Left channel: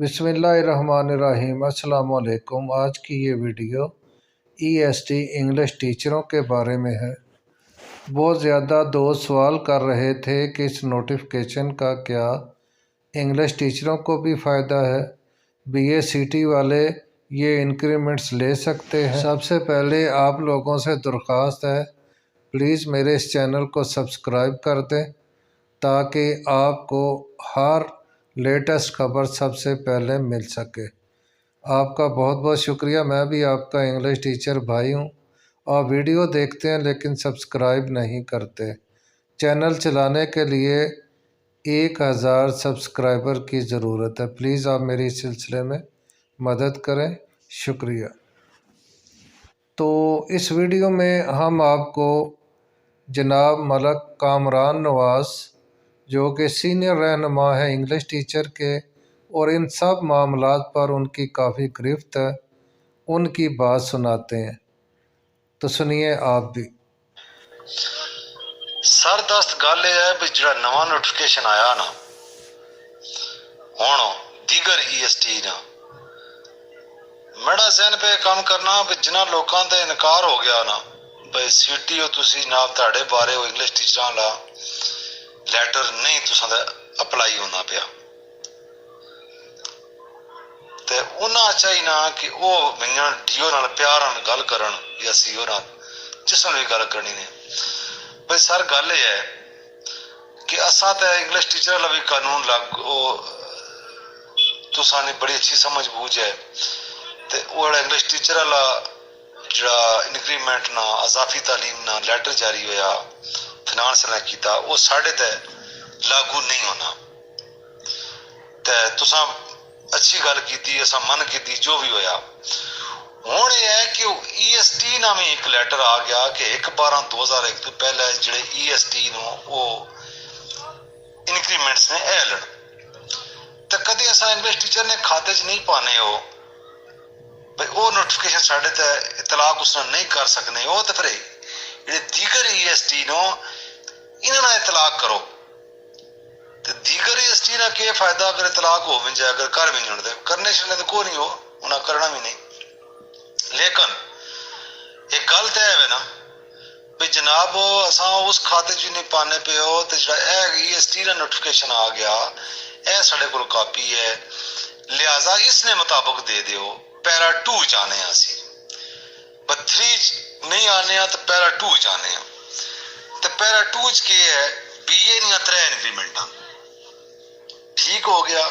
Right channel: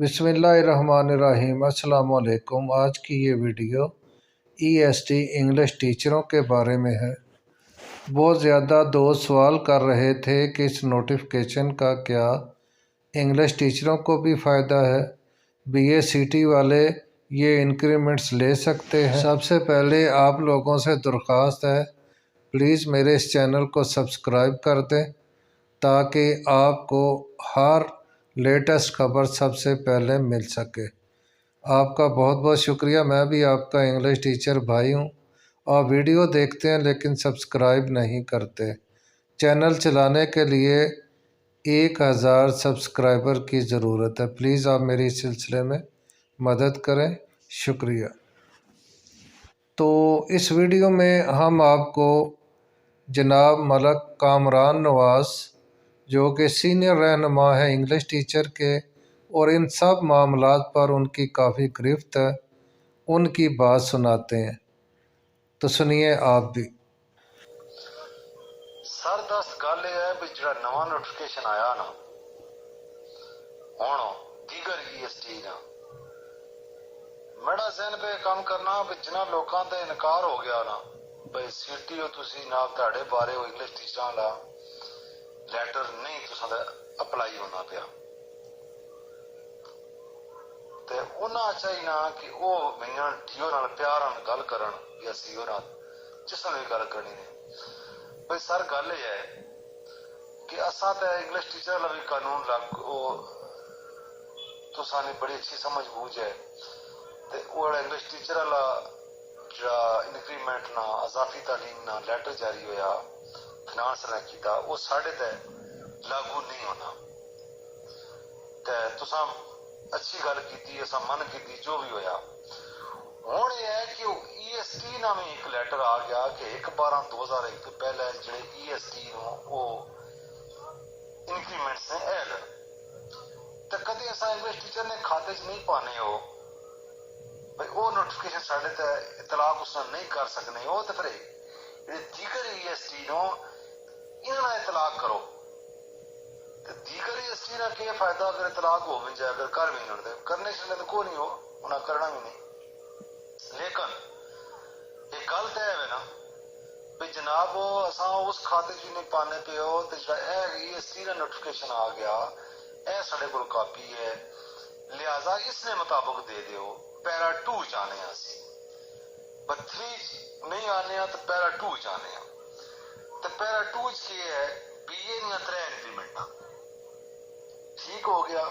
बिस्मिल्लाहिर्रहमानिर्रहीम। अस्सलाम वालेकुम। आज की ये वीडियो EST इंग्लिश टीचरों के बारे में है। बहुत ज़्यादा दोस्त सवाल कर रहे थे कि इस नोटिफिकेशन का क्या इंग्लिश टीचरों को भी फ़ायदा है, BACT वाले ये इंक्रीमेंट्स ले सकते हैं। सबसे पहले आप लोगों से दरख्वास्त है, प्लीज़ मेरे इस चैनल को सब्सक्राइब कर दें ताकि आपको हर लेटेस्ट खबर सबसे पहले मिल सके। आपका बहुत बहुत शुक्रिया। मैं भी आपका इंग्लिश टीचर भाई हूँ। आप वीडियो देखते हैं लेकिन सब्सक्राइब नहीं करते। चैनल चलाने के लिए 1000 सब्सक्राइबर की ज़रूरत है। प्लीज़ आप मेरी इस सिलसिले में मदद करें, शुक्रिया। तो इस वीडियो में हम आपको जनाब मलक कामरान नवाज़, जो कि सीनियर रहनुमा है इंग्लिश टीचर के और इन सब मामलात पर उनकी काफ़ी गिरफ्त है, उनकी बात सुनाते हैं। तो सुनिए आप भी। सरदस्त गल यह है भी जो नवा नोटिफिकेशन आया ना हुण दीगर EST ना मेरा जहन पे काम करना भी जिन्हों लोगों का इनकार हो गया ना भाई CT तुसी ना ताड़े बारे इंग्लिश टीचर ला लैटर नहीं तुसा अपलाई होना पिया ते उन्हें चाहिए ना कि वो मिलण DO नाल प्यार नाल गल करन या CO नाल जिस नाल भी गल करनी ने। भाई सर गल यह है कि असा तो इंग्लिश टीचर वाला भी कानून लागू तुसानी बड़ी अच्छी समझ बूझ है ते वो इंग्लिश टीचर वाला जड़ा इंक्रीमेंट ना अजाफी तालीम ना लैटर जारी होया फाइनेंस ने किया वो साढ़े ते लागू नहीं होना। ते तुसा अच्छी गल की असा मन की जो भी होया। हुण यह है कि EST नामी एक लैटर आ गया कि 1/12/2001 तो पहले जिहड़े EST नो वो इंक्रीमेंट्स ने ऐलन तो कभी असा इंग्लिश टीचर ने खाते च नहीं पाने हो भाई वो नोटिफिकेशन साढ़े ते इतलाक उसने नहीं कर सकने हो तो फिर जिहड़े दीगर EST नो इन्हां इतलाक करो। तो दीगर EST ना क्या फायदा अगर इतलाक हो भी जाए अगर कर भी नहीं होते करने छड़ने तो कोई नहीं हो उन्हें करना भी नहीं। लेकिन एक गल तो है ना भी जनाब असा उस खाते च नहीं पाने पे हो तो जो EST का नोटिफिकेशन आ गया यह साढ़े को कापी है लिहाजा इसने मुताबिक दे दो पैरा 2 जाने असी 3 नहीं आने तो पैरा 2 जाने तो पैरा 2 च के है BA दियां 3 इंक्रीमेंटा ठीक हो गया।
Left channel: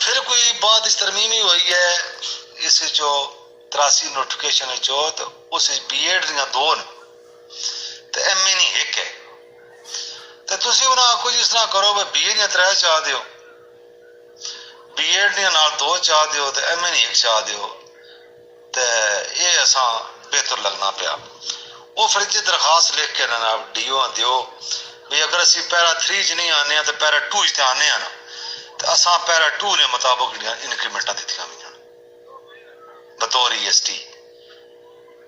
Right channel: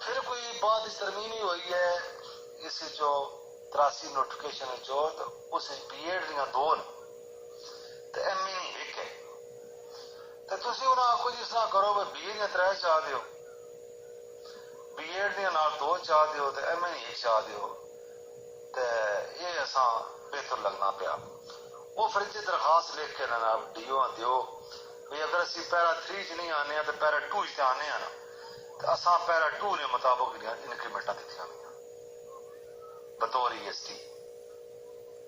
फिर कोई बात इस तरमीमी हुई है इस जो 83 नोटिफिकेशन चो तो उस BEd दियां 2 तो MA नहीं 1 है तो तुसी उन्हें आखो जिस तरह करो भाई BA दियां 3 चाह दो BEd दियां नाल 2 चाह दो तो MA नहीं 1 चाह दो तो ये असा बेहतर लगना पिया। वो फिर जी दरखास्त लिख के ना DO दो भाई अगर असी पैरा 3 च नहीं आने तो पैरा 2 च आने ना तो असा पैरा 2 ने मुताबिक इंक्रीमेंटा दित्तियां हुई बतौर EST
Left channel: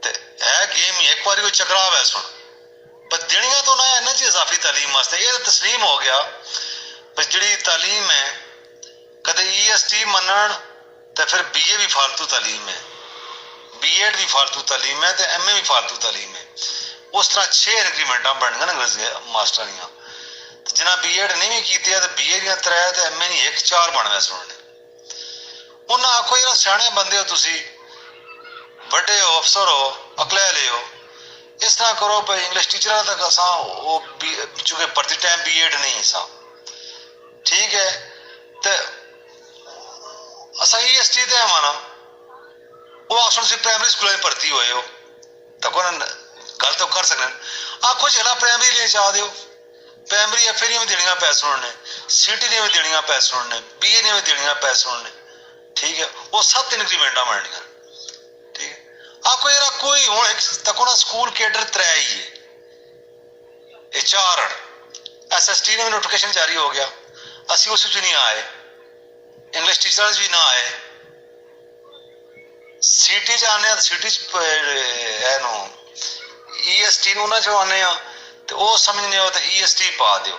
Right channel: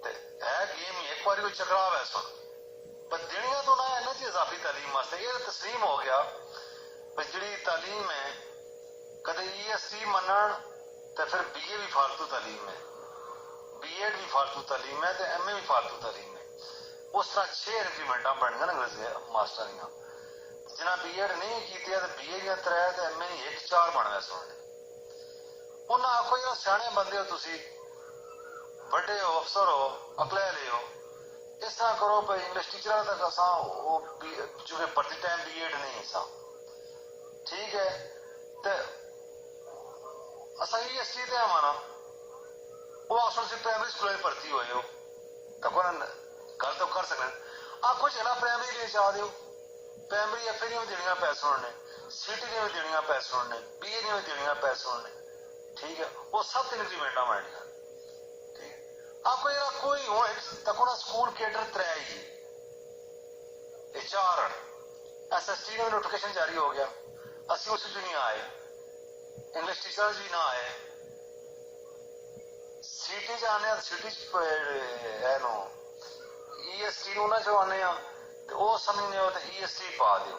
ते है गेम एक बार वो चकराव है सुन पर देनियां तो ना इन्हां च इजाफी तालीम वास्ते ये तस्लीम हो गया पर जिहड़ी तालीम है कदे EST मनण तो फिर BA भी फालतू तालीम है BEd भी फालतू तालीम है तो MA भी फालतू तालीम है। उस तरह 6 इंक्रीमेंटा बन गए अंग्रेजी मास्टर दियां जिन्हें BEd नहीं भी की तो BA दियां 3 तो MA नहीं 1 4 बन गए सुनने। उन्हें आखो यार सियाने बंदे हो तुसी बड़े हो अफसर हो अकलैले हो इस तरह करो भाई इंग्लिश टीचर तक असा वो चूंकि भर्ती टाइम BEd नहीं सा ठीक है तो असा EST ते माना वो अक्सर से प्राइमरी स्कूल में भर्ती हुए हो तो कौन गल तो कर सकते आखो चला प्राइमरी लिए चाह दो प्राइमरी FA ने भी देनियां पैसे उन्होंने CT ने भी देनियां पैसे उन्होंने BA ने भी देनियां पैसे उन्होंने ठीक है वो 7 इंक्रीमेंटा बननियां ठीक है। आपको यार कोई हूँ तक ना स्कूल केडर 3 ही है ये 4 SST ने भी नोटिफिकेशन जारी हो गया असी उस नहीं आए इंग्लिश टीचर्स भी ना आए CT च आने CT है नो EST ना जो आने तो वो समझने हो तो EST पा दो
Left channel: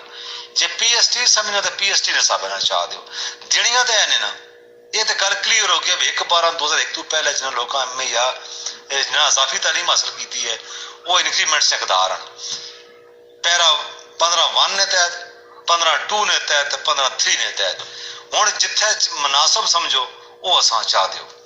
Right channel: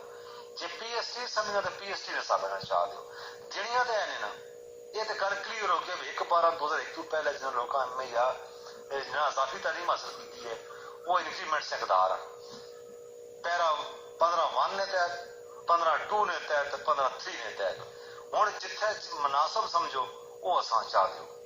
जे PST समझना तो PST ने सब चाह दो जड़ियां तो है ना ये तो गल क्लीयर हो गया भी 1/12/2001 तो पहले जिन्हें लोगों एम ए या जिन्हें अजाफी तालीम हासिल की है वो इंक्रीमेंट से हकदार हैं। पैरा 15(1) ने तहत 15(2) ने तहत 15(3) ने तहत हूँ जिथे मुनासब समझो वो असां चाह दो।